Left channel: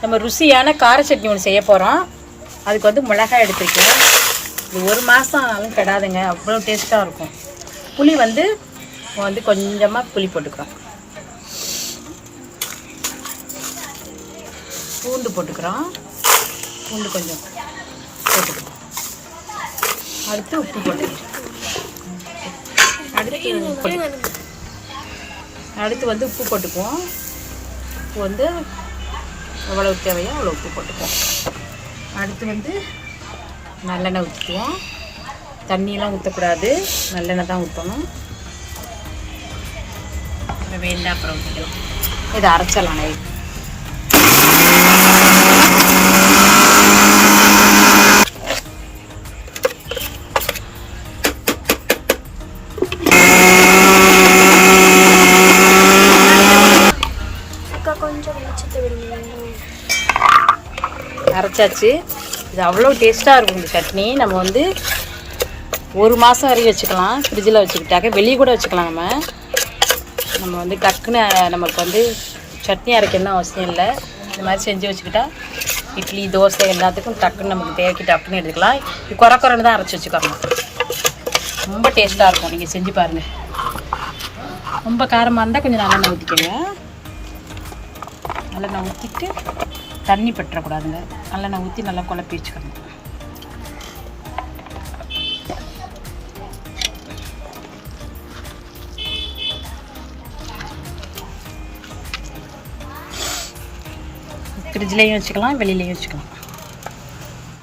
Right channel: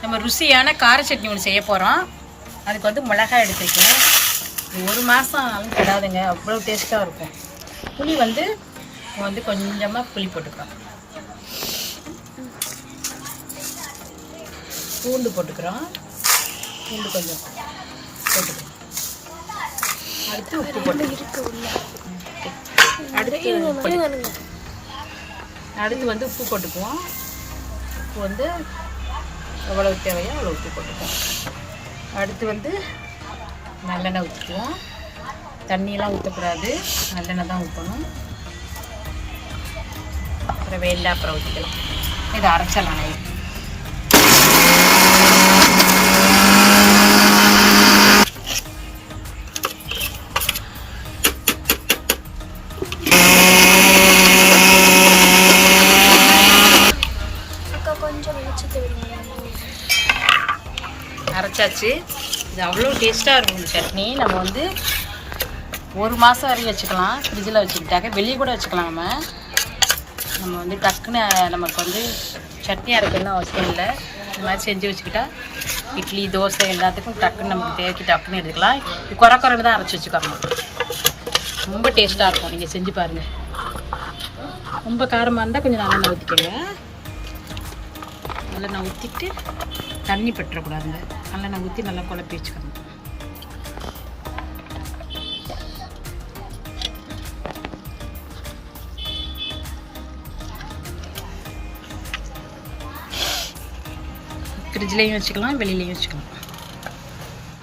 நம்ம ருசியான கார சட்னி ஒன்று செய்ய போகிறோம் அதுக்கு வந்து மிளகாய் எடுத்துருக்கேன். இது ஒரு மாதம் ஆனாலும் கெடாதுங்க அவ்வளோ டேஸ்ட்டாக இருக்கும். புளி வந்து வந்து கொஞ்சமாக புளி போட்டுக்கிறோம். பூண்டு போட்டுக்கிறோம். பூண்டு கொஞ்சம் போட்டுக்கிறோம். அடுத்து உப்பு போட்டுக்கிறோம். அடுத்து புளி அடுத்து வந்து உப்பு போட்டுக்குவோம். உப்பு வந்து எவ்வளவு தேவையோ அவ்வளோ உப்பு போட்டுப்போம். அடுத்து வந்து நல்லெண்ணெய் ஊற்றிக்குவோம் தண்ணியெல்லாம் ஊற்றக்கூடாது நல்லெண்ணெய் தான் ஊற்றணும் அப்புறம் வேண்டாம் அப்புறம் ஊற்றிக்கலாம் இதை அரைச்சலாம் நைட் அரைச்சாச்சு. இது அவ்வளோ டேஸ்ட்டாக இருக்கும் இந்த சட்னி. நம்ம வந்து ஒரு மாதம் வரைக்கும் வச்சுக்கலாம். ஃப்ரிட்ஜில் வச்சுக்கிட்டாக்க வெளியே கூட வச்சுக்கலாம் நம்ம. நம்ம வந்து டக்குன்னு நமக்கு வந்து சட்னி அரைக்கணும் அவசியம் இல்லை. இந்த மாதிரி செஞ்சு வச்சுக்கிட்டா இட்லி தோசை எல்லாத்துக்கும் டக்குன்னு நமக்கு தேக்கி டக்குன்னு எடுத்துக்கலாம். குறை குறைன்னு தான் அரைச்சி வச்சுக்கோங்க. ரொம்ப டேஸ்ட்டாக இருக்கும். நீங்கள் செஞ்சு பாருங்கள் ரொம்ப காரமாக இருந்தால் கொஞ்சம் நல்லெண்ணெய் ஊற்றிக்கோங்க நல்லெண்ணெய் ஊற்றிட்டு தண்ணி பற்றக்கூடாதுங்க. நல்லெண்ணெய் ஊற்றி நல்லா குழப்பி வச்சுக்கணும். ஃப்ரிட்ஜ்லேயும் வச்சுக்கலாம் வெளியிலையும் வச்சுக்கலாம்.